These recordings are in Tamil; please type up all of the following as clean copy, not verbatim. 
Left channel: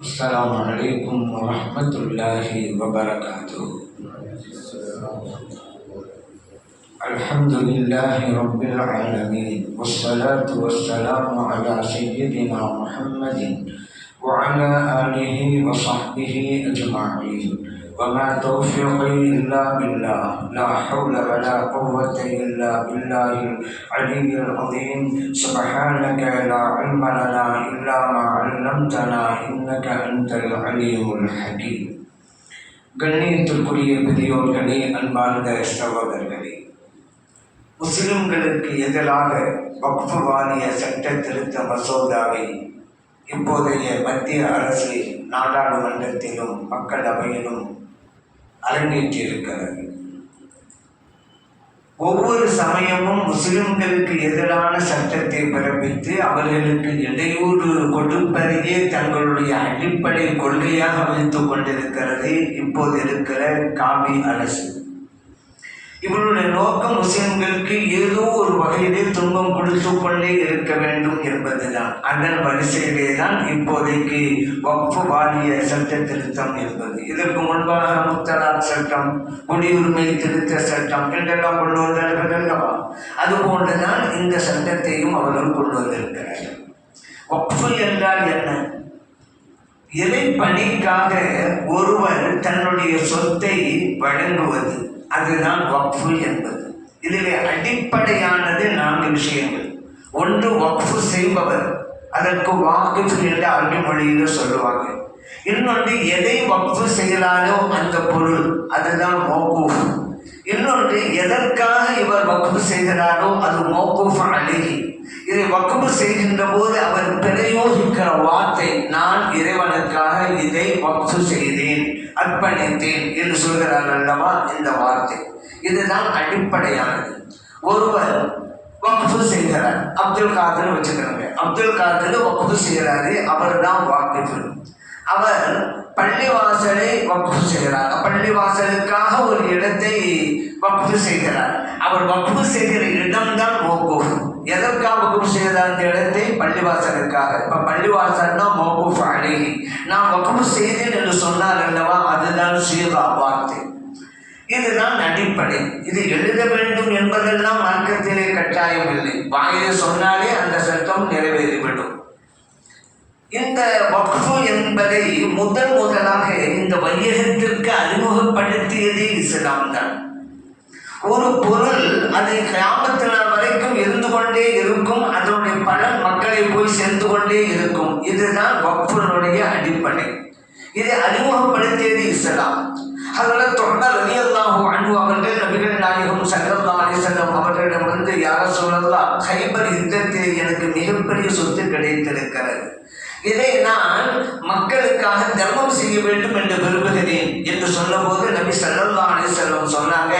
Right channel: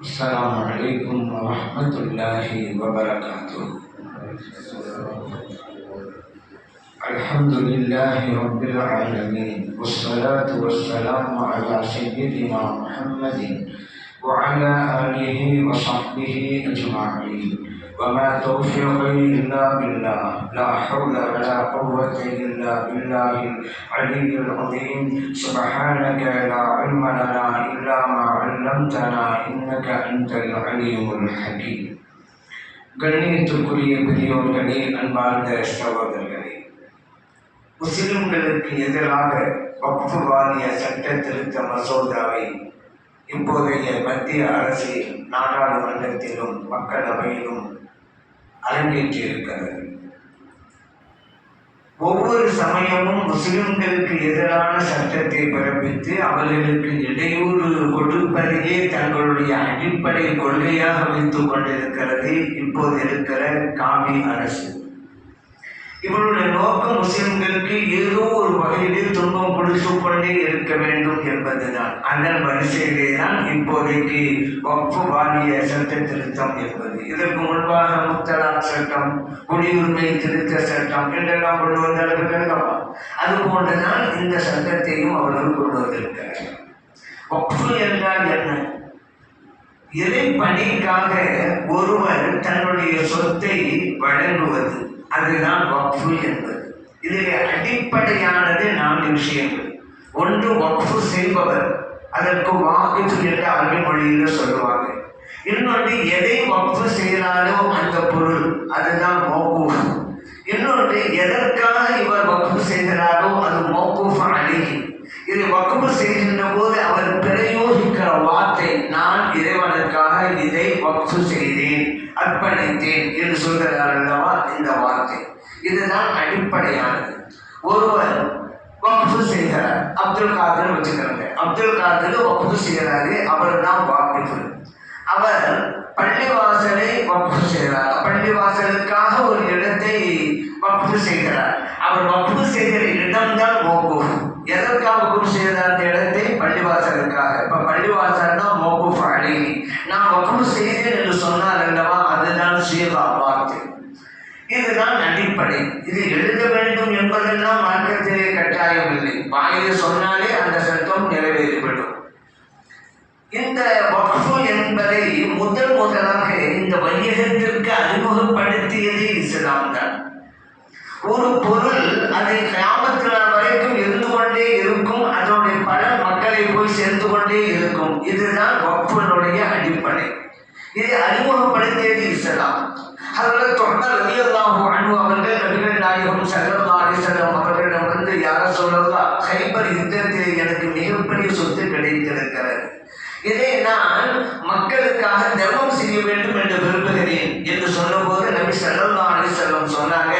السلام عليكم ورحمة الله وبركاته. الحمد لله رب العالمين، والصلاة والسلام على سيدنا محمد وعلى آله وصحبه أجمعين. وما توفيقي إلا بالله، لا حول ولا قوة إلا بالله العلي العظيم. سبحانك لا علم لنا إلا ما علمتنا إنك أنت العليم الحكيم. கண்ணியத்திற்குரிய பெரியோர்களே, அன்பார்ந்த சகோதரர்களே, முஸ்லிம்களுக்கு எதிராக வக்ஃப் வாரிய சட்ட திருத்த மசோதாவை இப்போதைய மத்திய அரசு நாடாளுமன்றத்திலும் மக்களவையிலும் அரங்கேற்றிருக்கிறது. ஒவ்வொரு சமயமும் முஸ்லிம்களுக்கு எதிரான சட்டத்தை பிறப்பித்து அவர்களுக்கு இடையூறு கொடுப்பதையே தங்களுடைய அடிப்படை கொள்கையாக வைத்துக் கொண்டிருக்கிறது இப்போது இருக்கிற காபி அரசு. இவருடைய நோக்கம் முஸ்லிம்களுக்கு ஏதோ ஒரு வகையிலே துன்பம் கொடுத்து கொண்டே இருக்க வேண்டும் என்பதுதான். அதன் வரிசையிலே தான் இப்போதைக்கு வக்ஃப் வாரிய சட்ட திருத்தம் என்பது. இதற்கு முன்பாக முத்தலாக் சட்டம், குடியுரிமை திருத்த சட்டம் என்றெல்லாம் கொண்டு வந்தார்கள். அதுபோன்றுதான் இந்த சட்டத்தையும் அவர்கள் கொண்டு வந்திருக்கிறார்கள். வக்ஃப் என்றால் என்ன? இறை பணிக்காக ஒருவர் தன்னுடைய சொத்தை வழங்குவது, அதுதான் வக்ஃப் என்பது. இதில் அடிப்படையானது 4 விஷயங்கள். ஒன்று, வக்ஃப் செய்பவர், அதற்கு வாக்கிஃப் என்று அரபி மொழியில் சொல்லுவாங்க. இன்னொன்று, எதை வக்ஃப் செய்கிறாரோ அந்த பொருள், அதுதான் மௌகூஃப். இன்னொன்று, எதற்காக இவர் வக்ஃப் செய்கிறாரோ அது மௌகூஃப் அலைஹி. இதை வக்ஃப் செய்கின்ற போது அவர் பிரயோகிக்கிற வார்த்தை, நான் இறைவனுக்காக இதை வக்ஃப் செய்தேன், அர்ப்பணித்தேன் என்று சொல்கிறார் அல்லவா, இந்த வார்த்தை. இதுதான் அடிப்படையானது. ஒருவர் வக்ஃப் செய்கிறார், அப்துல் காதர் வச்சுக்கிறாங்க, அப்துல் காதர் வக்ஃப் செய்கிறாரு, அவர் தான் வாக்கிஃப். அவர் பள்ளிவாசலை வக்ஃப் செய்கிறார், பள்ளிவாசலுக்காக ஒரு இடத்தை வக்ஃப் செய்கிறார். அவர் வக்ஃப் செய்கிற இடம்தான் மௌகூஃப். எதற்காக வக்ஃப் செய்கிறார் அந்த இடத்தை? பள்ளிவாசலுக்காக. இப்போ பள்ளிவாசல் தான் மௌகூஃப் அலைஹி. நான் வக்ஃப் செய்தேன் என்று சொன்னார் அல்லவா, அதுதான் சீகா வார்த்தை. இதுதான் அடிப்படை. இது எழுத வேண்டும் என்பதெல்லாம் மார்க்கத்திலே கட்டாயம் இல்லை. வாயிலே சொன்னாலே அந்த சட்டம் நிறைவேறிவிடும். இந்த வக்ஃப் என்பதை முதலாக இந்த வையகத்திற்கு அறிமுகப்படுத்தியதே இஸ்லாம் தான். ஒரு பொருள் அதை கியாமத் நாள் வரைக்கும் இருந்து கொண்டே இருக்கும், அதனுடைய பலன் மக்களை போய் சேர்ந்து கொண்டே இருக்கும். இதுதான் வக்ஃபினுடைய அடிப்படை. இதை அறிமுகப்படுத்தியது இஸ்லாம். அதில் தொடர் ரலியல்லாஹு அன்ஹு அவர்கள் நபிகள் நாயகம் ஸல்லல்லாஹு அலைஹி வஸல்லம் அவர்களிடம் வந்து, யார சொல்லலாம், கைபர் யுத்தத்தில் எனக்கு மிகப்பெரிய சொத்து கிடைத்திருக்கிறது, இதை நான் மக்களுக்காக தர்மம் செய்ய வேண்டும் என்று விரும்புகிறேன் என்று சொன்னபோது நபி ஸல்லல்லாஹு அலைஹி வஸல்லம் சொன்னாங்க,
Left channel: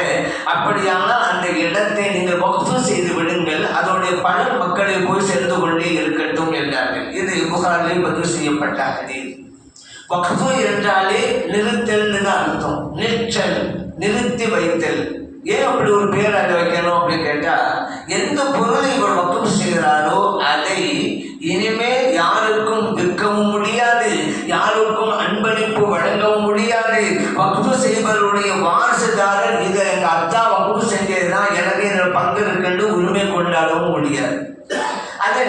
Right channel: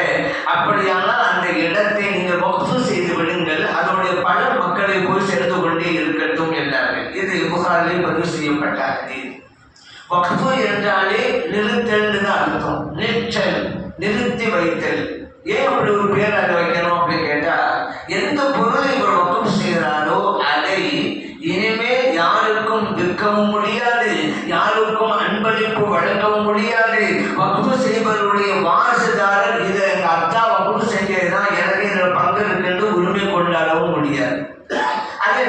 அப்படியானால் அந்த இடத்தை நீங்கள் வக்ஃப் செய்து விடுங்கள், அதனுடைய பலன் மக்களை போய் சேர்ந்து கொண்டே இருக்கட்டும் என்றார்கள். இது புகாரில் பதிவு செய்யப்பட்ட ஹதீஸ். வக்ஃப் என்றாலே நிறுத்தல் தான் அர்த்தம். நிற்றல், நிறுத்தி வைத்தல். ஏன் அப்படி ஒரு பேர் அதை வைக்கணும் அப்படின்னு கேட்டா, எந்த பொருளை இவர் வக்ஃப் செய்கிறாரோ அதை இனிமேல் யாருக்கும் விற்கவும் முடியாது, யாருக்கும் அன்பளிப்பு வழங்கவும் முடியாது. வக்ஃப் செய்பவருடைய வாரிசுதாரர் இதை எங்கள் அத்தா வக்ஃப் செஞ்சதுதான், எனக்கு இதில் பங்கு இருக்குன்னு உரிமை கொண்டாடவும் முடியாது. அது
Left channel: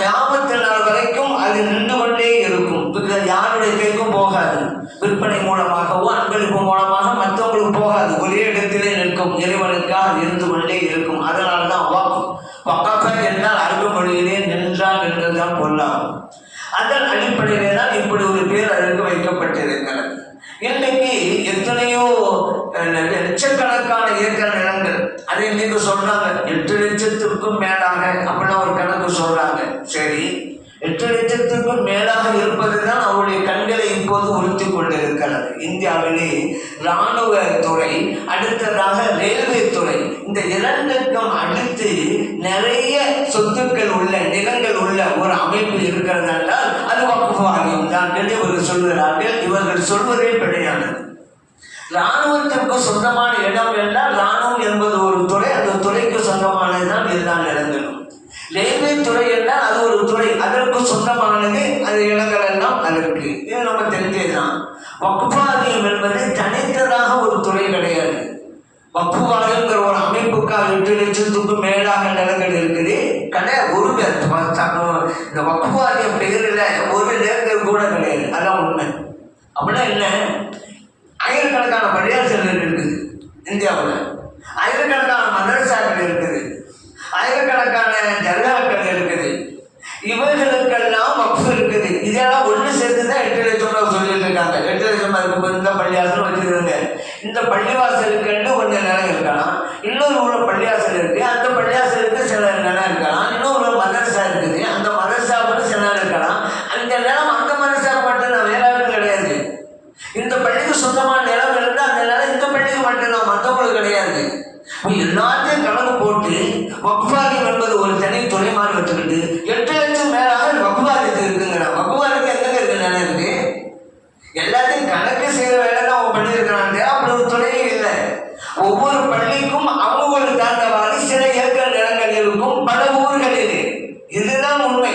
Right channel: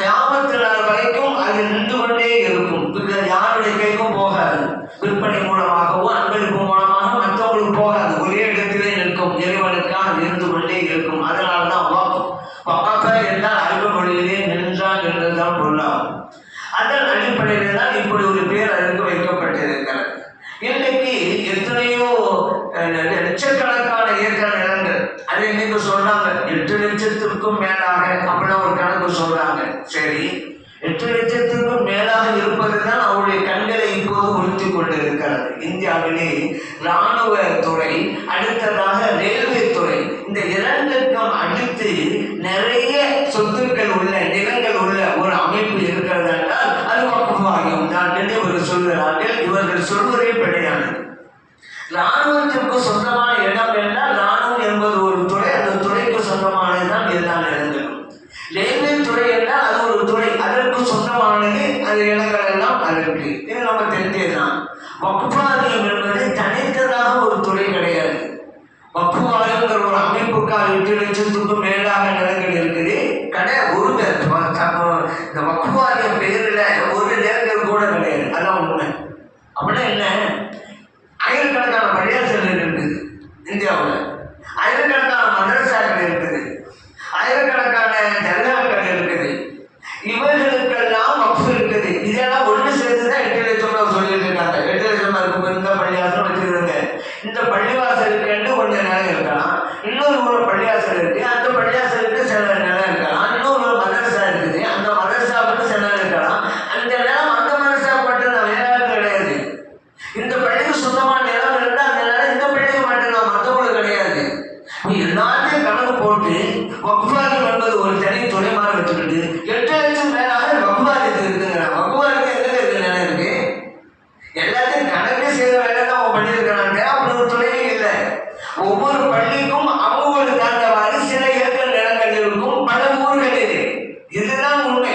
கியாமத் நாள் வரைக்கும் அது நின்று கொண்டே இருக்கும், யாருடைய கைக்கும் போகாது. விற்பனை மூலமாகவோ அன்பளிப்பு மூலமாக மற்றவங்களுக்கு போகாது, ஒரே இடத்திலே நிற்கும், இறைவனுக்காக இருந்து கொண்டே இருக்கும். அதனால தான் வக்ஃப் என்றால் அரபு மொழியிலே நின்றான் என்றுதான் பொருளாகும். அதன் அடிப்படையில் தான் இப்படி ஒரு பேர் அதற்கு வைக்கப்பட்டிருக்கிறது. இன்னைக்கு எத்தனையோ லட்சக்கணக்கான ஏக்கர் நிலங்கள், அதை நீங்க சொல்றாங்க 8 லட்சத்திற்கும் மேலாக அப்படின்னு ஒரு கணக்கு சொல்றாங்க. சரி, 8 லட்சத்திற்கும் மேலாக இருப்பதுதான் அவருடைய கண்களை இப்போது உறுத்தி கொண்டிருக்கிறது. இந்தியாவிலே இராணுவ துறை, அடுத்ததாக ரயில்வே துறை, இந்த 2க்கும் அடுத்து நிறைய சொத்துக்கள் உள்ள, நிலங்கள் உள்ள ஒரு அமைப்பு இருக்கிறது என்றால் அது வக்ஃப் வாரியம் தான் என்று இவர்கள் சொல்கிறார்கள். இவர்கள் சொல்வதே கிடையாது. இராணுவத்திற்கு சொந்தமான இடம் என்றால் இராணுவம் என்பது ஒரு துறை, அந்த துறைக்கு சொந்தமானதுதான் எல்லா இடங்களும். ரயில்வே துறை என்றால் அது ஒரு துறை, அதற்கு சொந்தமானது அது இடங்கள் எல்லாம் அதற்கு. இது நம்ம தெரிஞ்சதுதான். வக்ஃப் வாரியம் என்பது தனித்ததாக ஒரு துறை கிடையாது. வக்ஃப் வாரியம்ங்கிற ஒரு அமைப்புக்காக 8 லட்சத்துக்கும் மேலாக நிலங்கள் இருக்குது. ஒரு பேர் இந்த வக்ஃப் வாரியம் பெயரில் ஒரு நிலங்கள் கூட கிடையாது. அதான் உண்மை. அப்படின்னா என்ன? ஆயிரக்கணக்கான பள்ளியாசல்கள் இருக்குது இந்தியாவில், ஆயிரக்கணக்கான மதரசாக்கள் இருக்குது, ஆயிரக்கணக்கான தர்காக்கள் இருக்குது. இவர்களுக்கெல்லாம் வக்ஃப் இருக்குது. இதெல்லாம் ஒன்று சேர்த்து தான் 8 லட்சம் சொல்லிட்டு இருக்காங்க. 8 லட்சம் இருக்கும் இந்த பள்ளிவாசல் வச்சுருங்க. இந்த பள்ளிவாசலுக்கு ஒன்று நிலம் இருக்கலாம், இன்னொரு ஊரில் பள்ளிவாசல் இருக்கு, அந்த பள்ளிவாசலுக்கு சில நிலம் இருக்கலாம், இன்னொரு மதரசா இருக்குது, அந்த மதரசாவுக்கு சில நிலம் இருக்கலாம். அந்த நிலம் அந்த மதரசா மட்டும்தான், வேற யாரும் கிடையாது. இந்த பள்ளிக்கு சொந்தமான நிலம் இருந்தால் அந்த நிலம் இந்த பள்ளிக்கு மட்டும்தான், மற்றவங்களுக்கு கிடையாது. எல்லாத்தையும் கணக்கு போட்டு வக்ஃப் வாரியம் என்பது ஒரு தனி துறைமாக வச்சுக்கிட்டு 8 லட்சம் மேலாக வக்ஃப் வாரியத்துக்கு இருக்குங்க. வக்ஃப் வாரியத்துக்கு எங்க இருக்கு நிலம் இருக்கு? எல்லாத்தையும் கணக்கு செய்த வேலை தான் அவங்க பண்ணியிருக்கிறாங்க. அப்படி ஒரு துறையே இல்லை. ஒவ்வொரு பள்ளிக்கும் அவங்களுக்கு தகுந்தவாறு சில ஏக்கர் நிலங்கள் இருக்கும் பல ஊர்களில். இதுதான் உண்மை.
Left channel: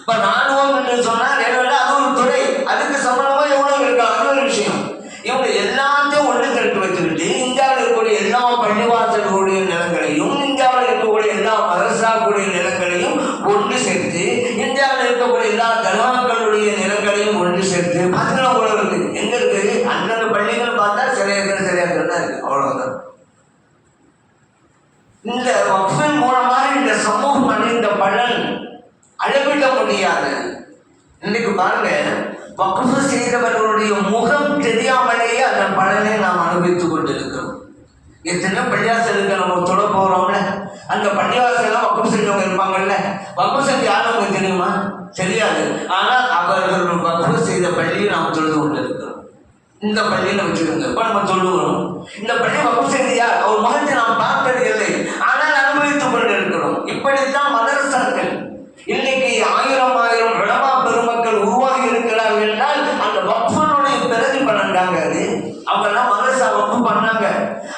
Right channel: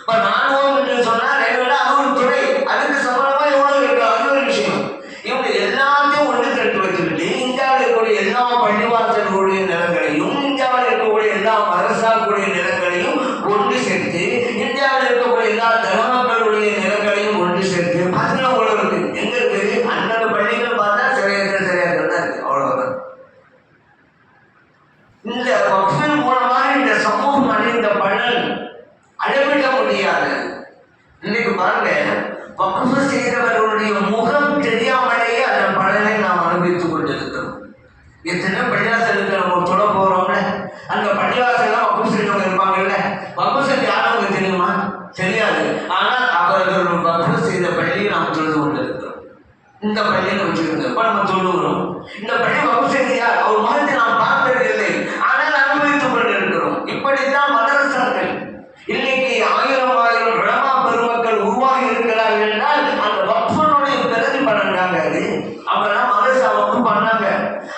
இப்ப ராணுவம் என்று சொன்னால் அது ஒரு துறை, அதுக்கு சம்பளமா எவ்வளவு இருக்கலாம், அது ஒரு விஷயம். இவங்க எல்லாத்தையும் ஒன்று திரட்டி வச்சுக்கிட்டு இந்தியாவில் இருக்கக்கூடிய எல்லா பள்ளிவாசல்களுடைய நிலங்களையும், இந்தியாவில் இருக்கக்கூடிய எல்லா மதரசாக்களுடைய நிலங்களையும் ஒன்று சேர்த்து, இந்தியாவில் இருக்கக்கூடிய எல்லா தர்காக்களுடைய நிலங்களையும் ஒன்று சேர்த்து அதெல்லாம் அவ்வளவு இருக்கு. எங்க இருக்குது? அந்தந்த பள்ளிகள் பார்த்தா சிறையாக தான் இருக்கு. அவ்வளவுதான். இந்த வக்ஃபின் மூலமாக இந்த சமூகம் அடைந்த பலன் அளவிட முடியாது. இன்னைக்கு பாருங்க, வக்ஃப் செய்தவர்களுடைய முகம் தெரியாமலேயே அந்த பலனை நாம் அனுபவித்துக் கொண்டிருக்கிறோம். எத்தனை பள்ளிவாசலுக்கு நம்ம தொட போறோம்ல, அந்த பள்ளிவாசல்லாம் வக்ஃப் செய்தவங்க இருப்பாங்கல்ல. வக்ஃப் செஞ்ச யாரும் தெரியுமா? தெரியாது. ஆனால் அவர்கள் வக்ஃப் செய்த பள்ளியை நாம் தொழுது கொண்டிருக்கிறோம். இந்த பள்ளியில வச்சிருந்த இப்ப நம்ம சொல்லுகிறோம், இந்த பள்ளி வக்ஃப் செய்தியா அவர் முகத்தை நாம் பார்த்தது இல்லை, ஆனால் அனுபவித்துக் கொண்டிருக்கிறோம். இப்படித்தான் மதரசாக்கள் இன்னைக்கு ஆயிரம் உலமா பெருமக்கள் உருவாகி இருக்கிறார்கள் என்றால் அந்த வக்ஃபுடைய பிறகு பண்ணாங்க. அது அவங்கெல்லாம் மதரசா வக்ஃப் பண்ணாங்க.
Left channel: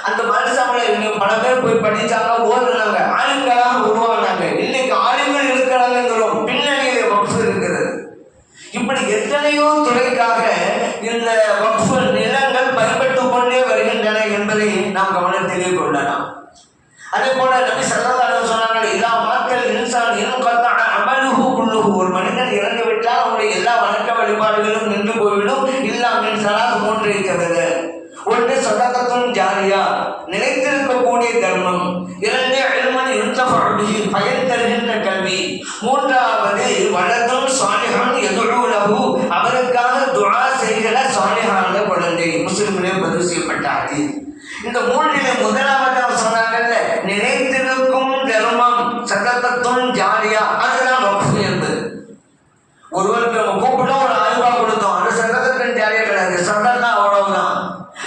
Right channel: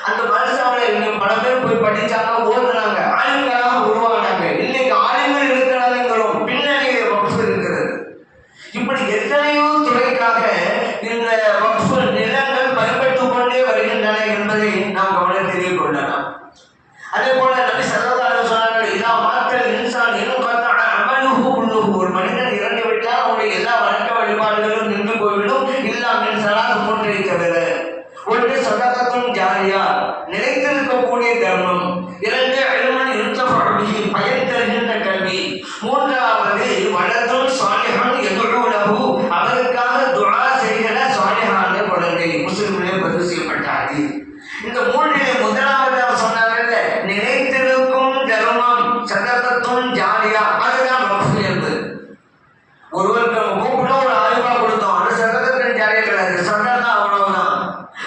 அந்த மதரசாவில் பல பேர் போய் படிச்சாங்க, ஓடுனாங்க, ஆளுங்களாக உருவானாங்க. இன்னைக்கு ஆளுங்கள் இருக்கிறாங்கிறோம், பின்னணியிலே வக்ஃப் இருக்கிறது. இப்படி எத்தனையோ துறைக்காக இந்த வக்ஃப் நிலங்கள் பயன்பட்டுக் கொண்டே வருகின்றன என்பதை நாம் கவனத்திலே கொள்ளலாம். அதே போல நபி ஸல்லல்லாஹு அலைஹி வஸல்லம் இதா மாத்தல் இன்சான் இன்கதஅ அமலுஹு குல்லுஹு, ஒரு மனிதன் இறந்து விட்டால் அவருடைய எல்லா வணக்க வழிபாடுகளும் நின்று போய்விடும். இல்லா மின் ஸலாத், மூன்றை தவிர. ஒன்று ஸதகத்துன் ஜாரியா, நிலைத்திருக்கக்கூடிய தர்மம். இரண்டு இல்முன் யுன்தஃபஉ பிஹி, பயன் தருகின்ற கல்வி. மூன்றாவது வலதுன் ஸாலிஹுன் யதுஉ லஹு, அவருக்காக துஆ செய்கிற ஸாலிஹான குழந்தை. முஸ்லிமிலே பதிவு செய்யப்பட்ட ஹதீஸ். இந்த மூன்றிலே முதலாவதாக சொன்னாங்கல்ல, நிலைத்திருக்கும் தர்மம், ஸதகத்துன் ஜாரியா, அதுதான் வக்ஃப் என்பது. ஒருவருக்கு கூப்பிட்டு ஒரு 1000 ரூபாய் கொடுத்தோம், அது ஸதகத்துன் ஜாரியா கிடையாது, ஸதகா அவ்வளவுதான்.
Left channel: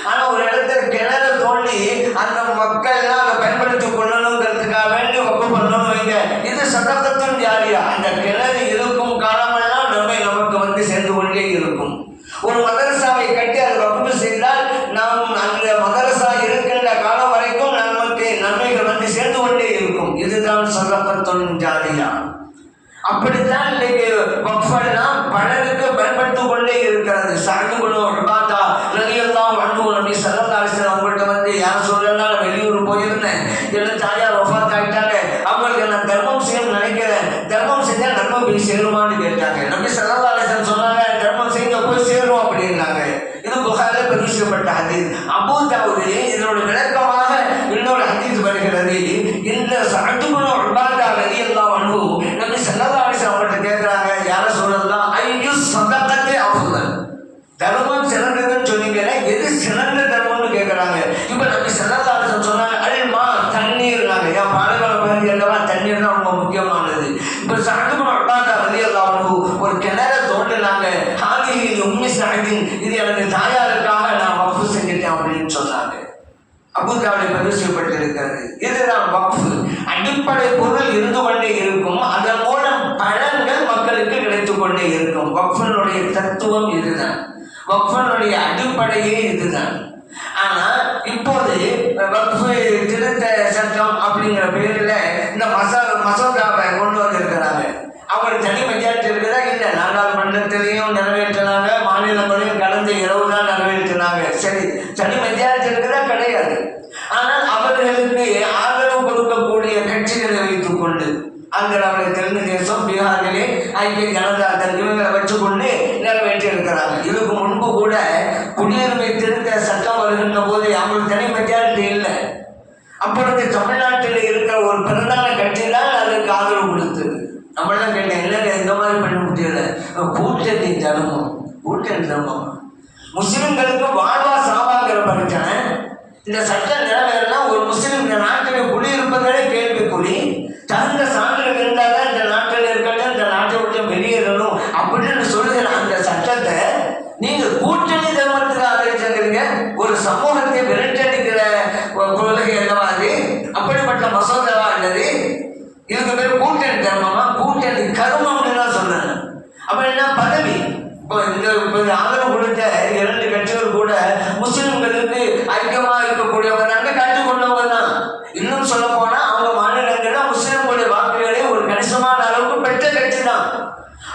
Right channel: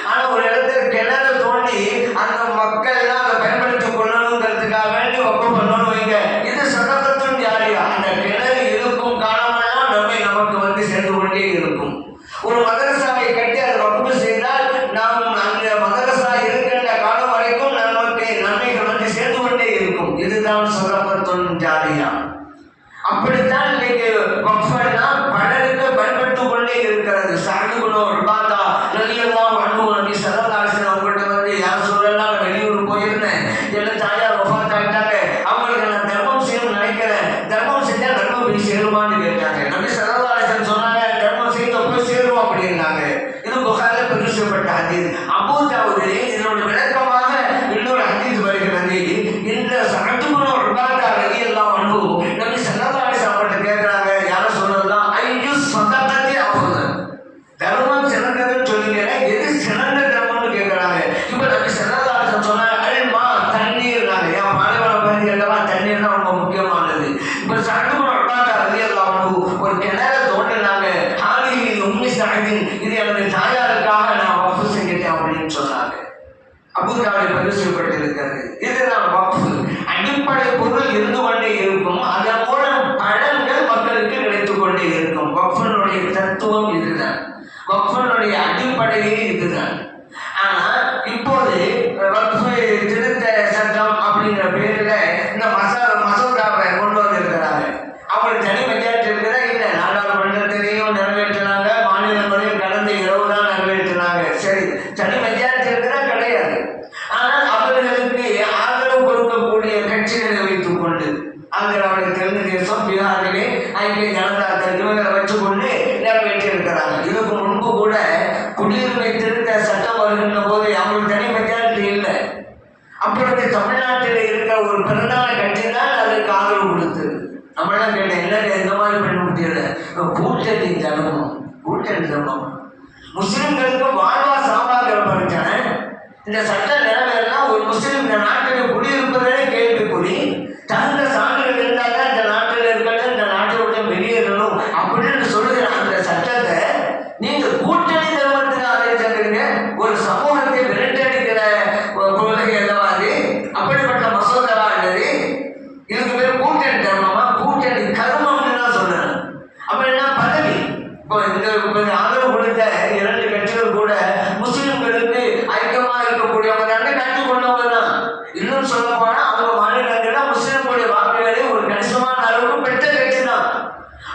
ஆனா ஒரு இடத்துல கிணறு தோண்டி அந்த மக்கள் எல்லாம் அதை பயன்படுத்தி கொள்ளணுங்கிறதுக்காக வேண்டி வக்ஃப் பண்ணணும் வைங்க, இது ஸதகத்துன் ஜாரியா. அந்த கிணறு இருக்கும் காலமெல்லாம் நன்மை நமக்கு வந்து சேர்ந்து கொண்டே இருக்கும். ஒரு மதரசாவை கட்டி அதை வக்ஃப் செய்தால் நாம் அந்த மதரசா இருக்கின்ற காலம் வரைக்கும் நமக்கு நன்மைகள் வந்து சேர்ந்து கொண்டே இருக்கும். இதுதான் ஸதகத்துன் ஜாரியா. அப்படித்தான் இன்னைக்கு வக்ஃப் எல்லாம் பலருக்கு பயன்படுத்திக் கொண்டே இருக்கிறது. சஅத் இப்னு உபாதா ரலியல்லாஹு அன்ஹு நபி ஸல்லல்லாஹு அலைஹி வஸல்லம் அவங்கள்ட்ட வந்து யார் சொல்லலாம், நான் வெளியூர் போயிருந்தேன், என்ன தாயார் வஃபாத் ஆயிட்டாங்க, அவங்களுக்கு நான் தர்மம் செய்யணும்னு நினைக்கிறேன், தர்மம் செஞ்சா தர்மம் போய் சேருமான்னு கேட்டாங்க. நபி ஸல்லல்லாஹு அலைஹி வஸல்லம் சொன்னாங்க, தர்மம் செய்ய போய் சேரும் அப்படின்னாங்க. வச்சுக்கொண்டு நிறைவேற்றி இருக்கிறாங்க. இதுக்கு முன்பு கூட குடியுரிமை திருத்த சட்டம் வருகின்ற போது அவங்களுக்கு தனி மெஜாரிட்டி இல்லை. அப்பொழுது தமிழ்நாட்டில் இருக்கிற ஒரு பிரதான கட்சி தான் அதற்கு ஆதரவு கொடுத்தது. நம்மளாம் கேட்டேன், இல்லை இந்த மாதிரி பண்ண முடியல, கூட்டணி தர்மம், கூட்டணி தர்மம். முஸ்லிம்களுக்கு வாழ்வா சாவாங்கிற பிரச்சனை. இந்த சட்ட நிறைவேறினா ஒரு முஸ்லிம் இந்த நாட்டில் குடியிருப்பதே கேள்விக்குறி. தகுந்த சான்றுகள் இருந்தாலும் இந்த நாட்டில் இருக்கணும், இந்த நாட்டை விட்டு வெளியேறணும் அப்படின்னு சொல்லுகிற அந்த சட்டத்தை நீங்க கூட்டணி தர்மத்துக்கு ஆதரிச்சிருக்கீங்க. ஒரு சமூகத்தை விரட்டடிக்கிற கொள்கை அல்லவா அது? அப்படிப்பட்ட மசோதாவா இல்லது? இதுக்கு பேர் கூட்டணி தர்மமா? கூட்டணி கர்மம்னு தான் சொல்றேன். அப்ப என்ன பதவி? இப்போ இந்த ஆதரவு கொடுத்த 2 கட்சிகள் கூட முஸ்லிம்களுக்கு ஐக்கியமா இருக்கக்கூடியவங்க தான், கற்றுக் கொண்டவங்க தான். இன்னும் சொல்ல போனா அவங்க மாநிலங்கள்ல முஸ்லிம்களுடைய வாக்குகளை ஒரு கணிசமான அளவுக்கு பெற்ற கட்சி தான்.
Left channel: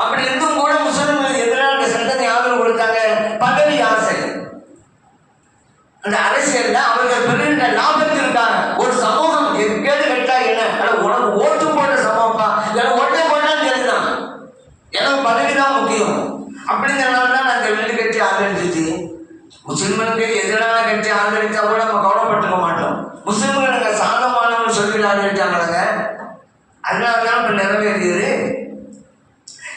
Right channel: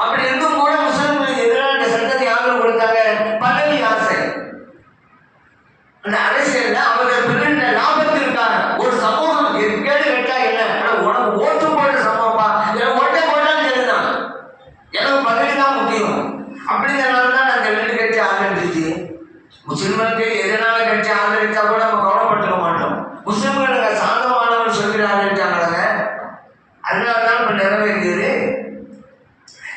அப்படி இருந்தும் கூட முஸ்லிம்களுக்கு எதிரான சட்டத்தை ஆதரவு கொடுத்தாங்க. பதவி ஆசை. அந்த அரசியல்ல அவர்கள் பெறுகின்ற லாபத்திற்காக ஒரு சமூகம் கேடு கேட்டா என்ன, உனக்கு ஓட்டு போட்ட சமூகமா, எனக்கு ஓட்டை போட்டா கேடுதான், எனக்கு பதவி தான் முக்கியம் அப்படிங்கிறனால தான் அந்த 2 கட்சி ஆதரிச்சிச்சு. முஸ்லிம்களுக்கு எதிரான கட்சி ஆதரிச்சா கூட நம்ம கவலைப்பட்டுக்க மாட்டோம். முஸ்லிம்கள் நாங்கள் சாதகமானவர்கள் சொல்லி ஆதரிச்சாங்க, அதனாலதான் இப்ப நிறைவேறியது.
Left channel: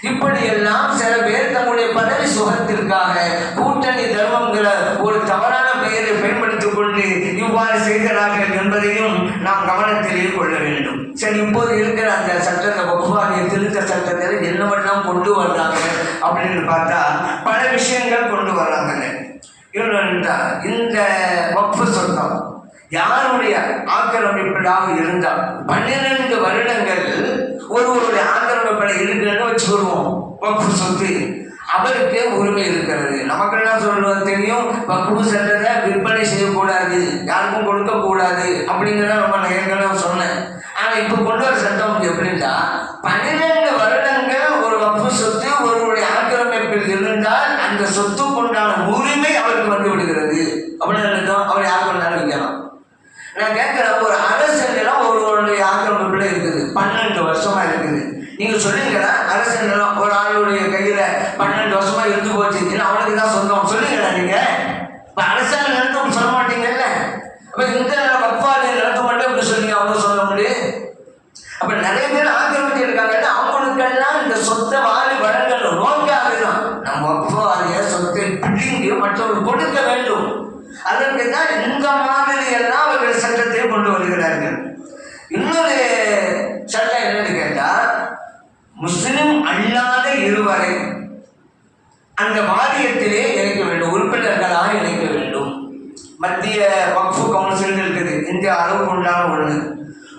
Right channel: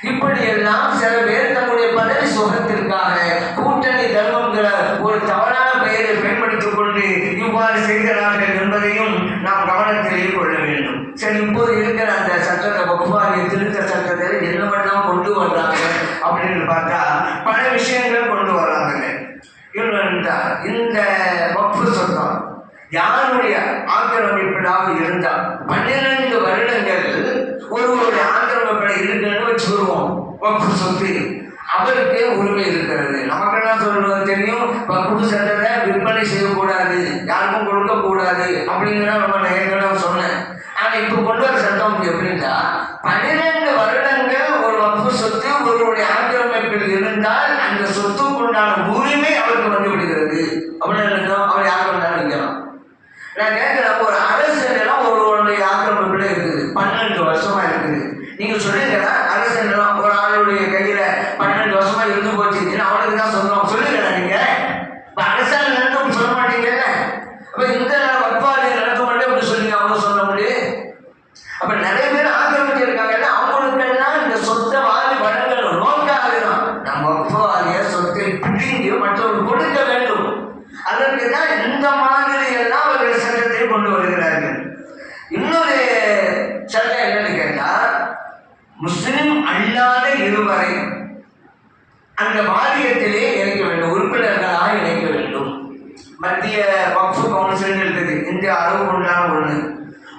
இப்படி எல்லாம் சில பேர் தன்னுடைய பதவி சுகத்திற்காக கூட்டணி தர்மங்கிற ஒரு தவறான பெயரை பயன்படுத்திக் கொண்டு இவ்வாறு செய்கிறார்கள் என்பதையும் நாம் கவனத்திலேயே கொள்ள வேண்டும். சரி, இப்போது இருக்கிற அந்த சட்டத்தை, வக்ஃப் திருத்த சட்டத்தில் என்னவெல்லாம் கொண்டு வர்றாங்க அப்படின்னு பார்த்தா பல விஷயங்கள் கொண்டு வர்றாங்க. இந்த வக்ஃப் சட்டம் யாருடைய ஆக்கிரமிப்பிலாக இருந்தால் 12 வருடங்கள் ஒருவருடைய ஆக்கிரமிப்பில் இருக்குன்னு வச்சுக்கொள்வோம். வக்ஃப் சொத்து அவருக்கு உரிமை இருக்கிறது. நமக்கெல்லாம் சொல்றது தெரியும், வக்ஃப் சட்டத்தை விற்பனை செய்யக்கூடாது, யாருக்கும் கொடுக்கக்கூடாது அப்படிங்கிறத நம்ம ஏற்கனவே சொன்னேன். ஆனால் இப்போ கொண்டு வர சட்டம் எப்படின்னா 12 வருடங்கள் ஒரு வக்ஃப் சொத்து ஒருவருடைய ஆக்கிரமிப்பில் இருந்தால் அந்த சொத்துக்கு உண்டான உரிமை அவருக்கு வந்து விடுகிறது. அப்படின்னு அவர் யாருக்கு வந்தாலும் வைக்கலாம். நான் கேட்கிறேன், ஒரு அரசெல்லாம் ஒருவருடைய ஆக்கிரமிப்பில் இருக்குது, 12 வருஷமா இருக்குது. நீங்க சொல்லுங்களா அரசெல்லாம் ஒரு ஆளுடைய கையில 12 வருஷமா இருந்து போச்சு, அவனுக்கு தான் சொல்லுவோம் சொல்லுங்களா? நீங்க அரசாங்க நடத்த சொல்ல மாட்டீங்கல்ல. அப்ப இந்த வக்ஃபாலிய நடத்த மாட்டேன் அப்படி சொன்னீங்க, அவங்க சொல்ல முடியும். அப்ப நிறைய பேர் ஆக்கிரமிச்சு இருக்காங்க, அவங்களுக்கெல்லாம் இந்த சொத்தை வாரி வழங்கணும் நோக்காக தான். நம்ம வக்ஃபாலிய சொத்தை பிடிங்கி மற்றவர்கள் கொடுக்க வேண்டும். அதற்கு தான் இந்த மாதிரி எல்லாம் அவர்கள் சட்டத்தை கொண்டு வருகிறார்கள். இன்னொரு சட்டம் என்னன்னு கேட்டா, முஸ்லிம் அல்லாத இருவரை அந்த வாரியத்திலே இணைக்க வேண்டும், உறுப்பினர்களாக இணைக்க வேண்டும். மத்திய வக்ஃப் கவுன்சில் இருக்குது, இந்திய அளவுக்கு உண்டான ஒண்ணு.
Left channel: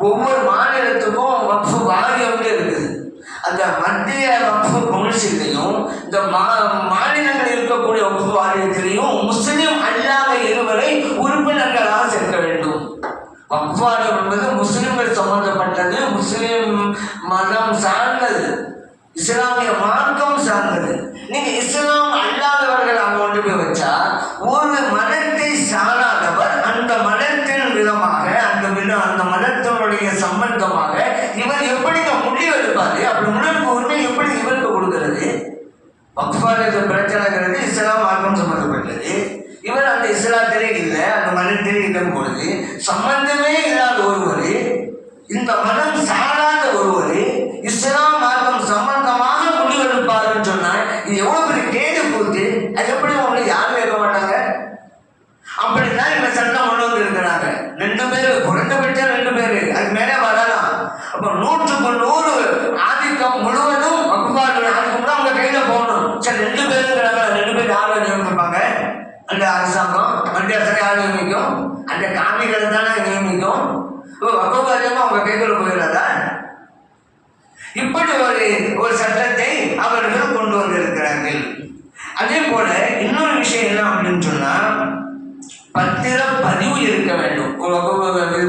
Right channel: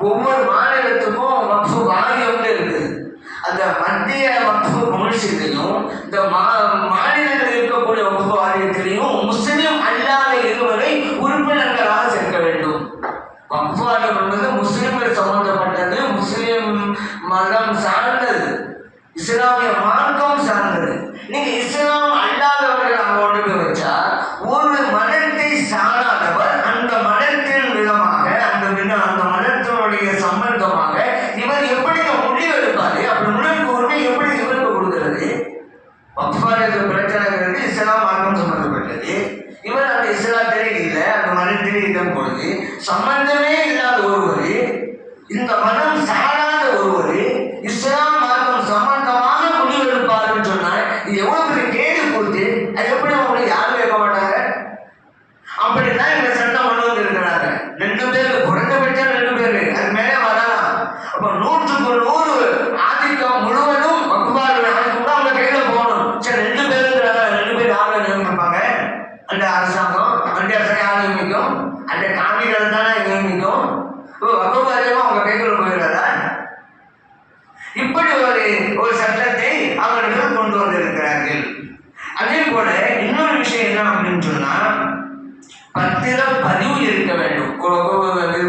ஒவ்வொரு மாநிலத்துக்கும் வக்ஃப் வாரியம் இருக்குது. அந்த மத்திய வக்ஃப் கவுன்சிலையும் இந்த மாநிலங்களில் இருக்கக்கூடிய வக்ஃப் வாரியத்திலையும் முஸ்லிம் அல்லாத இருவரை உறுப்பினர்களாக சேர்க்க வேண்டும். வக்ஃப் வாரியம் என்பது முஸ்லிம்கள் சம்பந்தப்பட்டது, முஸ்லிம் மதம் சார்ந்தது, இஸ்லாமிய மார்க்கம் சார்ந்தது. நீங்க இஸ்லாம் அல்லாதவர்கள் அவங்களோட போய் வச்சா ஒரு மதத்தை சாராதவர் அந்த மதத்தின் விதமாக அந்த மதத்தினுடைய சம்பந்தமாக இவர் எப்படி முடிவு எடுப்பாரு? அப்படி முடிவுக்கு உரிமை எப்படி இவருக்கு கொடுக்கிறது? வக்ஃபாலிய பிரச்சனைங்கிறது இஸ்லாம் மார்க்கம் சம்பந்தப்பட்டது. இவர் அந்த இஸ்லாத்திலே இல்லை, அந்த மதத்திலே இடம் பொழுது சம்பந்தமே இல்லாத ஒருவர், இந்த மதம் சாராத ஒருவர் இஸ்லாம் மார்க்கம் சம்பந்தமாக முடிவெடுப்பாருன்னு சொன்னால் இது எவ்வளவு பெரிய கேடு போச்சு. அது எப்படி அவங்களுக்கு யாரும் கேட்க மாட்டாங்க. அப்படின்னா இந்த சட்டம் கொண்டு வந்து இருக்கிறாங்க. 2 பேர் குறைந்தபட்சம் 2 பேர், அது மேலே வரலாம். அப்போ 100க்கு 100 ஆதிக்கம் முழுவதும் வக்ஃபாலிய கூட அவங்க கையில போகணும். சரி, 2 பேருங்கிறாங்க, 2 பேர் யாரை நியமிப்பாங்க? அந்த அரசாங்கம், மத்திய அரசாங்கம் யார் நியமிக்கும்? அந்த காமிகளை தானே நியமிக்கும். வக்ஃபாலியமா அவங்க கைக்குள்ள போயிடாதா? இப்படி ஒரு சட்டத்தை அவர்கள் கொண்டு வந்திருக்கிறார்கள். அதே போல இன்னொரு விஷயம் என்ன அப்படின்னு சொன்னா, பத்திர பதிவு இருக்க வேண்டும்.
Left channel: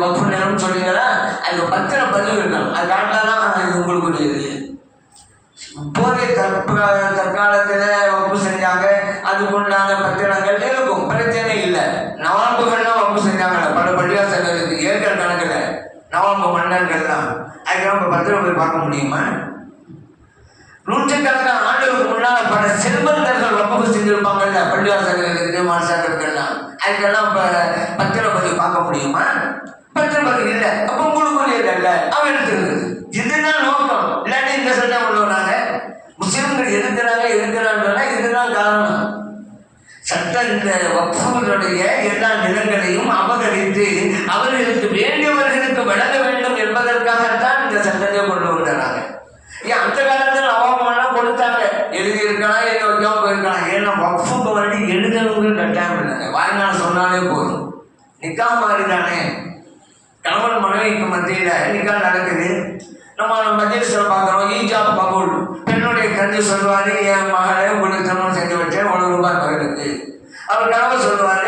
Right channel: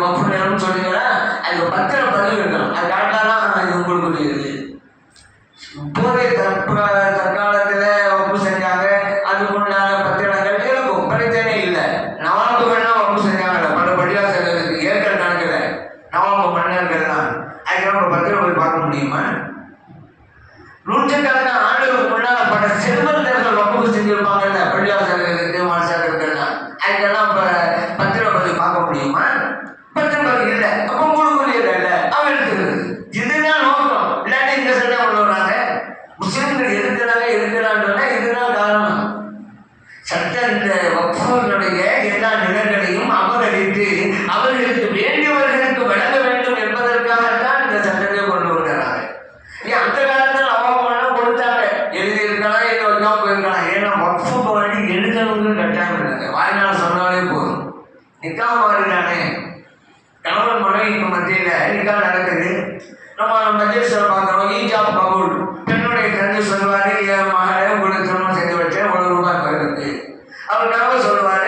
வக்ஃப் நிலம் சொல்லுங்களா, அது பத்திர பதிவு இருக்கணும். அது காட்டாதான் இது உங்களுக்கு இப்போதைய தற்காலத்துல வக்ஃப் செஞ்சாங்க, அதுக்குண்டான பத்திரங்கள் இருக்கும், பிரச்சனை இல்லை. நவாம்புகள்லாம் வக்ஃப் செஞ்சாங்க, பல பள்ளிவாசல்களுக்கு ஏக்கர் கணக்குல நவாம்பு மன்னர்கள் தான். அதுக்கு நம்ம பத்திரம் போய் பார்க்க முடியுமா? 100 கணக்கான ஆண்டுகளுக்கு முன்னால பல செல்வந்தர்கள் வகுப்பு செஞ்சிருப்பாங்கல்ல, பள்ளிவாசல்களுக்கு மாசாக்களுக்கெல்லாம், அதுக்கெல்லாம் பத்திரப்பதி பார்க்க முடியுமா? பத்திரப்பதி இல்லை, அப்ப முழுக்குரியல அவன் எடுத்துக்கிறது. இதுதான் நோக்கம். இல்லாட்டி இந்த சட்டம் கொண்டு வராங்க. முஸ்லிம்கள் இருக்கிறாங்க இதுதான் காரணம். சட்டம் இந்த வக்ஃபுடைய எல்லா நிலங்களையும் அபகரித்து அவர்களுக்கு வேண்டியவர்களுக்கு வழங்க வேண்டும் என்பதற்காகத்தான் இந்த சட்டத்தை கொண்டு வந்தாங்க. அந்த காலத்தில் அவமானம் கொடுத்தாங்க, எழுதியிருக்கலாம், எழுதி வைக்காம போயிருக்கலாம். ஏன்னா வக்ஃபுக்கு வேண்டி எழுதணுங்கிற கட்டாயம் இல்லைங்க, வாய்நாள் சொன்னாலே போதும். நிக்கா மாதிரி தானே, கணவன் மனைவிக்கு மத்தியில் நிக்கா நடக்குது. நம்ம மஜ்லிஸில் பார்க்குறோம், ஈஜாப் கபூல். பெண்ணுடைய தந்தை சொல்வாரு, என் மகளை உங்களுக்கு திருமணம் செஞ்சு வச்சேன், ₹1 கோயிலுக்கு. அவர் கணவர் சொல்லுவாரு,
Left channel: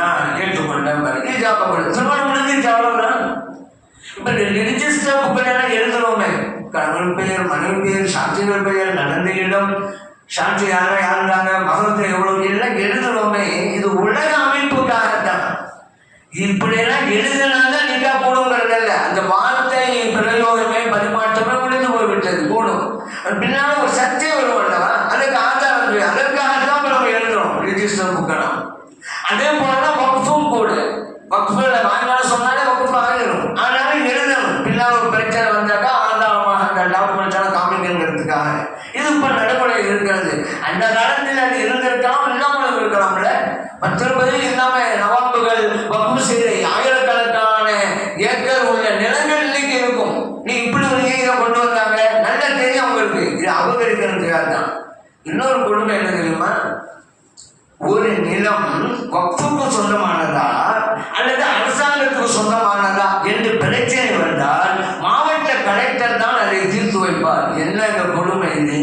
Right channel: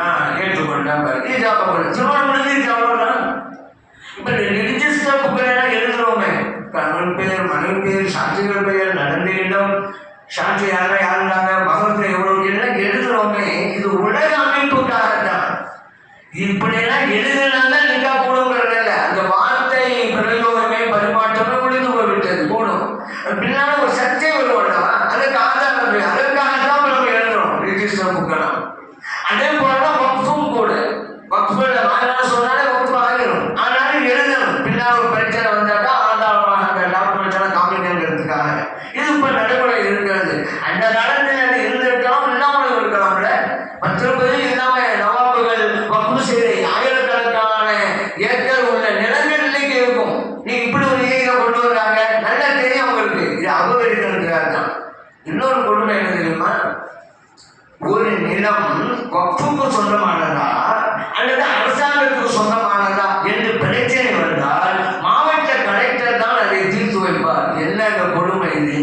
நான் ஏற்றுக்கொண்டேன். ஈஜாப் கபூல் திருமணம் முடிஞ்சு ஈஜாப். இப்போ ரிஜிஸ்டர் புக்கெல்லாம் எழுதுறோமே, கணவன் பேர், மனைவி பேர், சாட்சிகள் பெயர், நடந்த இடம், சாட்சி யாருந்தாங்க, மகத்தை எவ்வளவு எல்லாம் எழுதுறோமே. இது உலக அமைப்புக்காகத்தான். இப்படியெல்லாம் எழுதினாதான் நிக்கா போடுங்கிறது இல்லை. அந்த வார்த்தை பிரயோகமே பரிமாற்றமே முடிந்து போய்விட்டது. போடும் பின்னால ஒரு சர்ச்சை வருவாங்க, அதுக்கு ஆதாரம், அதற்காகத்தான் நம்ம எழுதுறோம் ரிஜிஸ்டர் புக்கெல்லாம். அதே போலதான் வக்ஃபும் கூட. வக்ஃபுல வாங்கினால சொன்னாலே வக்ஃபு ஆகிடும். ஆனாலும் எழுதணும். பின்னால் ஒரு பிரச்சனை வந்தாக்கா ஆதாரமாக அந்த டாக்குமெண்ட்ஸ் காமிக்கிறதுக்காக இது இப்ப நடைமுறையில் இருக்கிறது. அந்த காலத்தில் அது இருந்திருக்கலாம், இல்லாமல் இருக்கலாம்ல. பத்திரப்பதி இல்லாம நவாபுகள் வக்ஃபு செய்த ஆயிரக்கணக்கான ஏக்கர் உள்ள நிலங்கள் இன்னைக்கு இருக்கும். நீ இப்படி ஒரு நீதியை கொண்டு வந்தாங்க, நல்லா தெரியும் அவங்களுக்கு. இது அபகரிக்கிறதுக்காக தான். இன்னொரு கொடுமை என்ன தெரியுமா? ஒரு நிலம் வக்ஃபுக்கு சொந்தமானதா அல்லது அரசாங்கத்துக்கு சொந்தமானதா என்று பிரச்சனை வந்தால் மாவட்ட கலெக்டர் தான் அதை தீர்த்து வைப்பார். என்ன கொடுமை இது?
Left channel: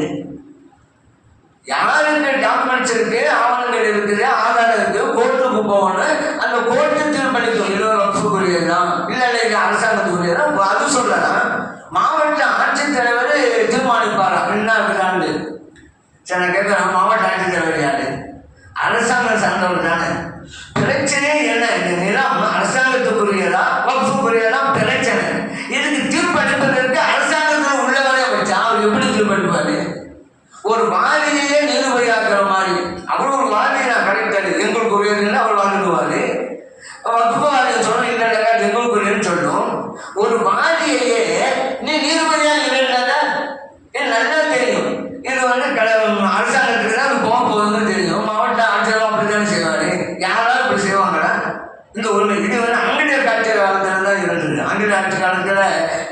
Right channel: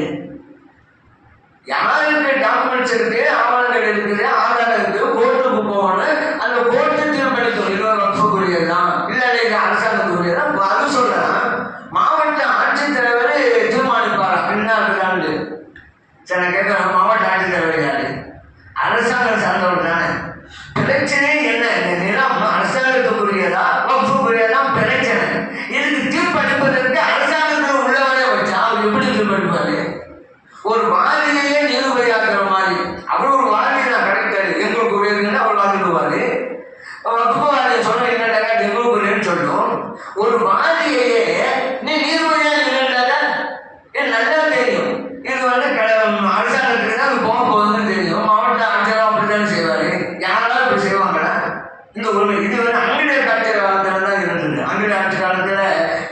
யாருக்கு டாக்குமெண்ட்ஸ் இருக்கு, ஆவணங்கள் இருக்குது, ஆதாரம் இருக்கு, கோர்ட்டுக்கு போகணும். அந்த கோர்ட்டு தீர்ப்பளிக்கும், இது வக்ஃபுக்குரியதான் இல்லை அரசாங்கத்துக்குரியதான். அது சொல்லலாம். மாவட்ட ஆட்சித்தலைவர் தீர்மானிப்பாரா என்ன? சரி, நான் கேட்கிறேன், மாவட்ட ஆட்சித்தலைவர் யாரு? அரசாங்கம் சார்ந்தவர் தானே. பிரச்சனை என்ன? இந்த நிலம் அரசாங்கத்துக்குரியதா வக்ஃபுக்குரியதா பிரச்சனை. இதுக்கு தீர்ப்பளிப்பதற்கு அரசாங்கத்தில் உள்ளவரே வச்சா அவர் எப்படி தீர்ப்பளிப்பாரு? ஒரு வாதியையே நிரூபையாக்குற மாதிரி. அவர் ஒரு வாதியை நான் கிடைக்காது, எங்களுக்கு உரியதுன்னு அவர் வாதிடுவாரு. வக்ஃபு சொன்ன எங்களுக்கு உரியன்னு சொல்லும். ஒரு வாதியையே நீ நிரூபையா இல்லைன்னால என் நல்லா தெரியும். இது அரசாங்கத்துக்கு தான் அது போக போகுதுன்னு தெரியும். மாவட்ட ஆட்சியர் அப்படித்தானே செய்வாரு. யாராலும் இப்படி செய்வாங்களா? இந்த உண்மை இது ஆங்கிலேயர் ஆட்சி காலத்துல தான் இருந்தது. ஆங்கிலேயர் ஆட்சி காலத்துல